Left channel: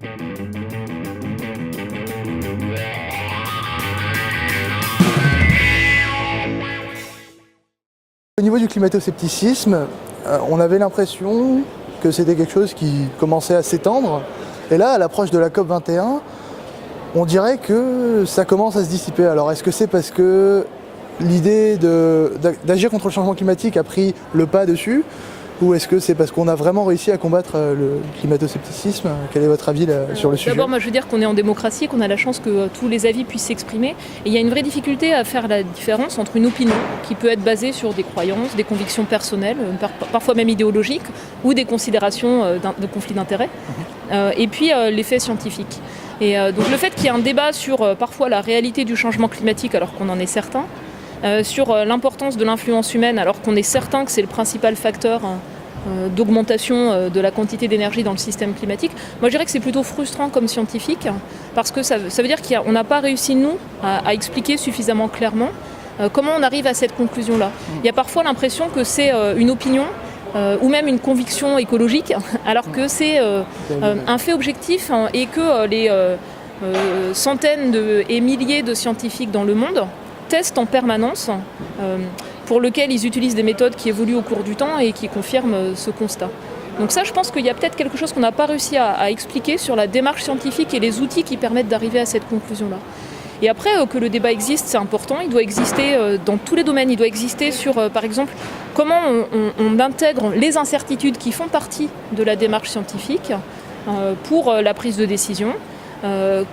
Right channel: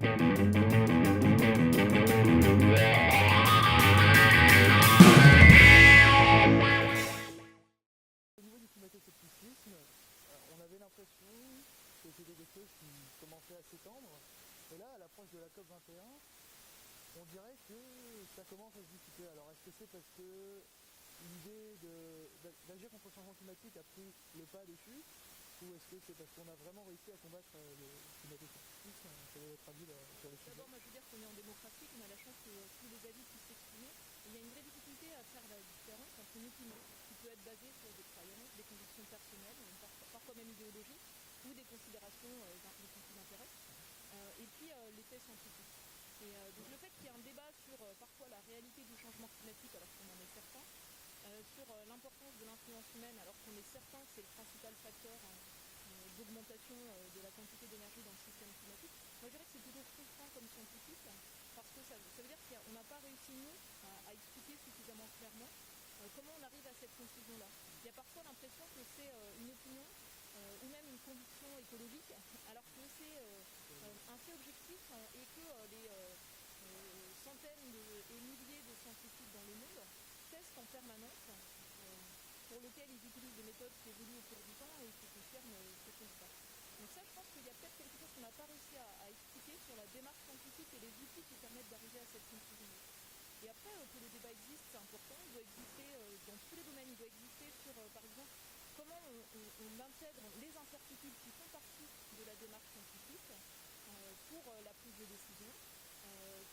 Au niveau du climato-scepticisme, on avait l'impression que c'était quelque chose qui commençait à s'étendre. Et là, à l'approche de la COP21, on dirait que ça commence à se dissiper. Alors est-ce que c'est parce que l'idée d'agir contre le changement climatique a pris le pas dessus, ou est-ce que c'est parce qu'on a vraiment réussi à combattre le climato-scepticisme? Quel est votre avis là, sur le sujet? D'abord, moi je veux dire qu'on est en démocratie, qu'on a la chance que tous les avis puissent s'exprimer. Et il y a une vraie difficulté à faire la différence entre une opinion qui peut être basée sur des croyances, des convictions personnelles, parfois même idéologiques, ou des considérations de conflits d'intérêts, et puis les faits scientifiques. Et donc le fait qu'il y ait un débat sur parfois la réalité du changement climatique alors qu'on en est certain, sur l'importance de l'influence humaine alors qu'on est certain que c'est le principal facteur d'augmentation de la quantité d'énergie dans le système climatique. Moi je dirais que c'est plutôt frustrant comme scientifique parce que ça veut dire qu'on n'a pas réussi nous à expliquer suffisamment clairement comment on arrive à cette conclusion-là. Il y a parfois l'impression que c'est une opinion ou même une conviction écologique alors que c'est un fait objectif et que les centaines et milliers de scientifiques dans le monde testent en permanence, pour lequel ils utilisent des méthodes qui évoluent au cours du temps et qui confirment ce constat. Donc ça, je pense qu'il y a peut-être quelque chose qu'on n'a pas réussi à expliquer sur la démarche scientifique et les outils qui permettent d'arriver à cette conclusion-là. Et après, que le débat existe, c'est important, il doit exister dans tous les domaines, il doit exister sur, par exemple, comment on intègre les incertitudes qui font partie de la démarche scientifique pour la prise de décision.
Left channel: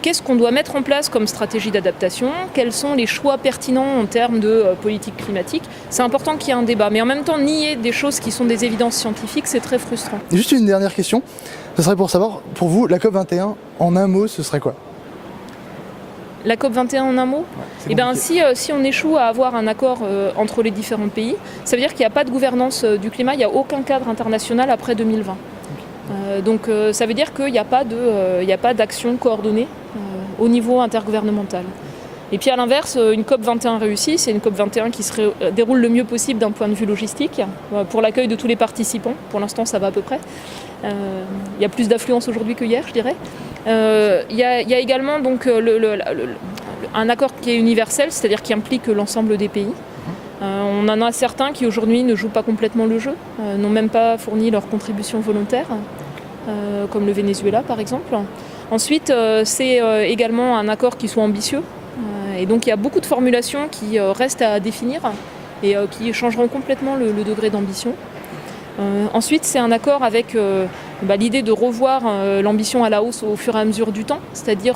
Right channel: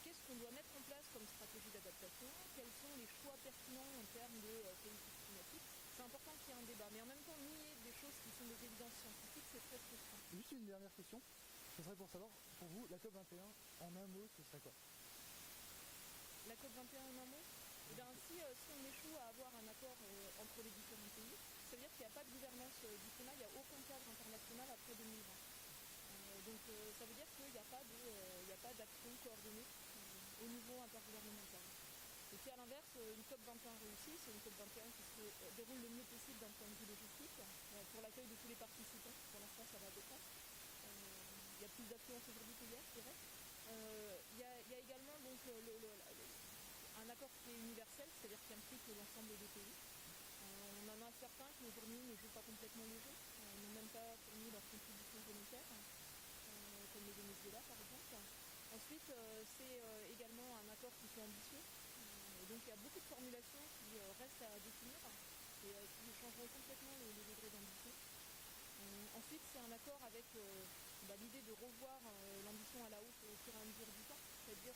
Qu'est-ce qu'on doit mettre en place comme stratégie d'adaptation? Quels sont les choix pertinents en termes de politique climatique? C'est important qu'il y ait un débat, mais en même temps, nier des choses qui sont des évidences scientifiques, c'est très frustrant. Juste une dernière question, ce serait pour savoir, pour vous, la COP21, en un mot, ce serait quoi? La COP21 en un mot? Ouais, eh bien, si on échoue à avoir un accord entre les différents pays, ça veut dire qu'il n'y a pas de gouvernance du climat, il n'y a aucun cadre international après 2020. Donc ça veut dire qu'il n'y a pas d'action coordonnée au niveau intergouvernemental. Et puis à l'inverse, une COP21 réussie, c'est une COP21 qui se déroule le mieux possible d'un point de vue logistique, pour l'accueil de tous les participants. Pour l'instant, ça va à peu près. Il y a plus d'affluence aujourd'hui que hier, je dirais. Il y a également donc, un accord qui est universel, c'est-à-dire qui implique l'ensemble des pays. On en a certains qui aujourd'hui ne jouent pas complètement le jeu, n'ont même pas fourni leur contribution volontaire, comme le Venezuela par exemple. Ensuite, c'est également un accord qui soit ambitieux, et donc il y a beaucoup de formulations qui restent à définir et qui changeront complètement le degré d'ambition. Ensuite, c'est un accord avec l'idée de revoir l'ambition à la hausse au fur et à mesure du temps, c'est-à-dire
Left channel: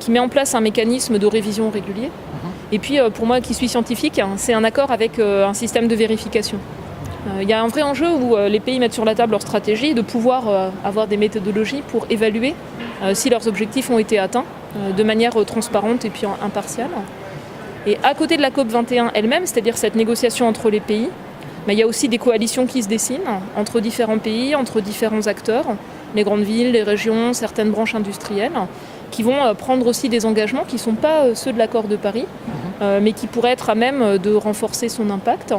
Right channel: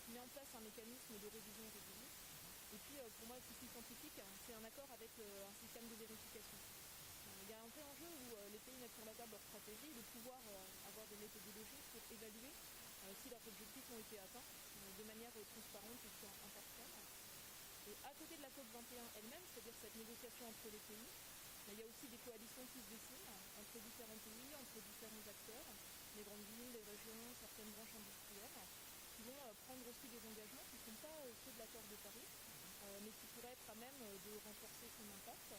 qui met en place un mécanisme de révision régulier. Et puis, pour moi qui suis scientifique, c'est un accord avec un système de vérification. Il y a un vrai enjeu où les pays mettent sur la table leur stratégie, de pouvoir avoir des méthodologies pour évaluer si leurs objectifs ont été atteints de manière transparente et puis impartiale. Et à côté de la COP21 elle-même, c'est-à-dire cette négociation entre les pays, il y a aussi des coalitions qui se dessinent entre différents pays, entre différents acteurs, les grandes villes, les régions, certaines branches industrielles, qui vont prendre aussi des engagements qui ne sont pas ceux de l'accord de Paris, mais qui pourraient être à même de renforcer son impact.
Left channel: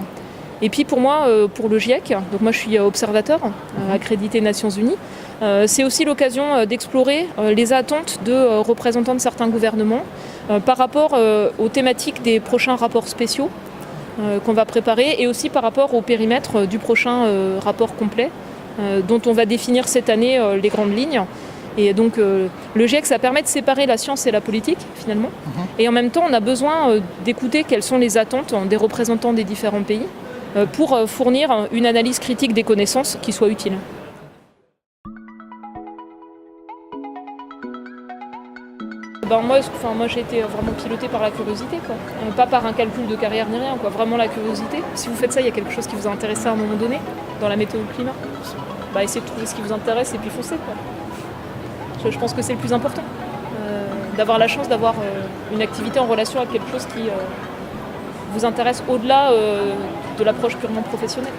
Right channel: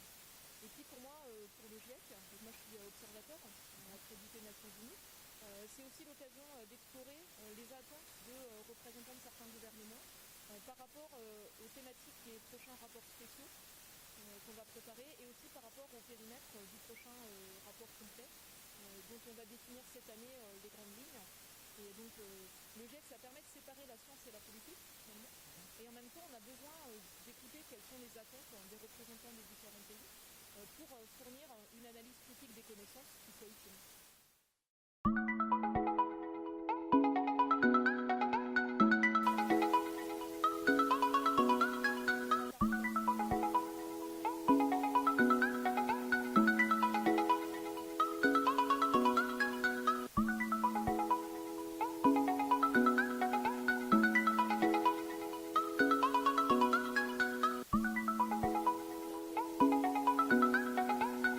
Et puis pour moi, pour le GIEC, donc moi je suis observateur accrédité Nations Unies, c'est aussi l'occasion d'explorer les attentes de représentants de certains gouvernements par rapport aux thématiques des prochains rapports spéciaux qu'on va préparer et aussi par rapport au périmètre du prochain rapport complet dont on va définir cette année les grandes lignes. Et donc le GIEC, ça permet de séparer la science et la politique finalement. Et en même temps, on a besoin d'écouter quelles sont les attentes des représentants des différents pays pour fournir une analyse critique des connaissances qui soit utile. Moi j'ai été vraiment pilotée par la curiosité, quoi. Pas par un calcul de carrière ni rien, quoi. Vraiment la curiosité. Si vous faites ça, il y a quelque chose qui vous a intéressé à un moment donné dans la météo climat. Essayez de trouver ce qui vous intéresse et puis foncez, quoi. Je pense que c'est le plus important, d'avoir la chance d'avoir une activité en relation avec quelque chose qui vous intéresse au-delà de l'approche purement professionnelle.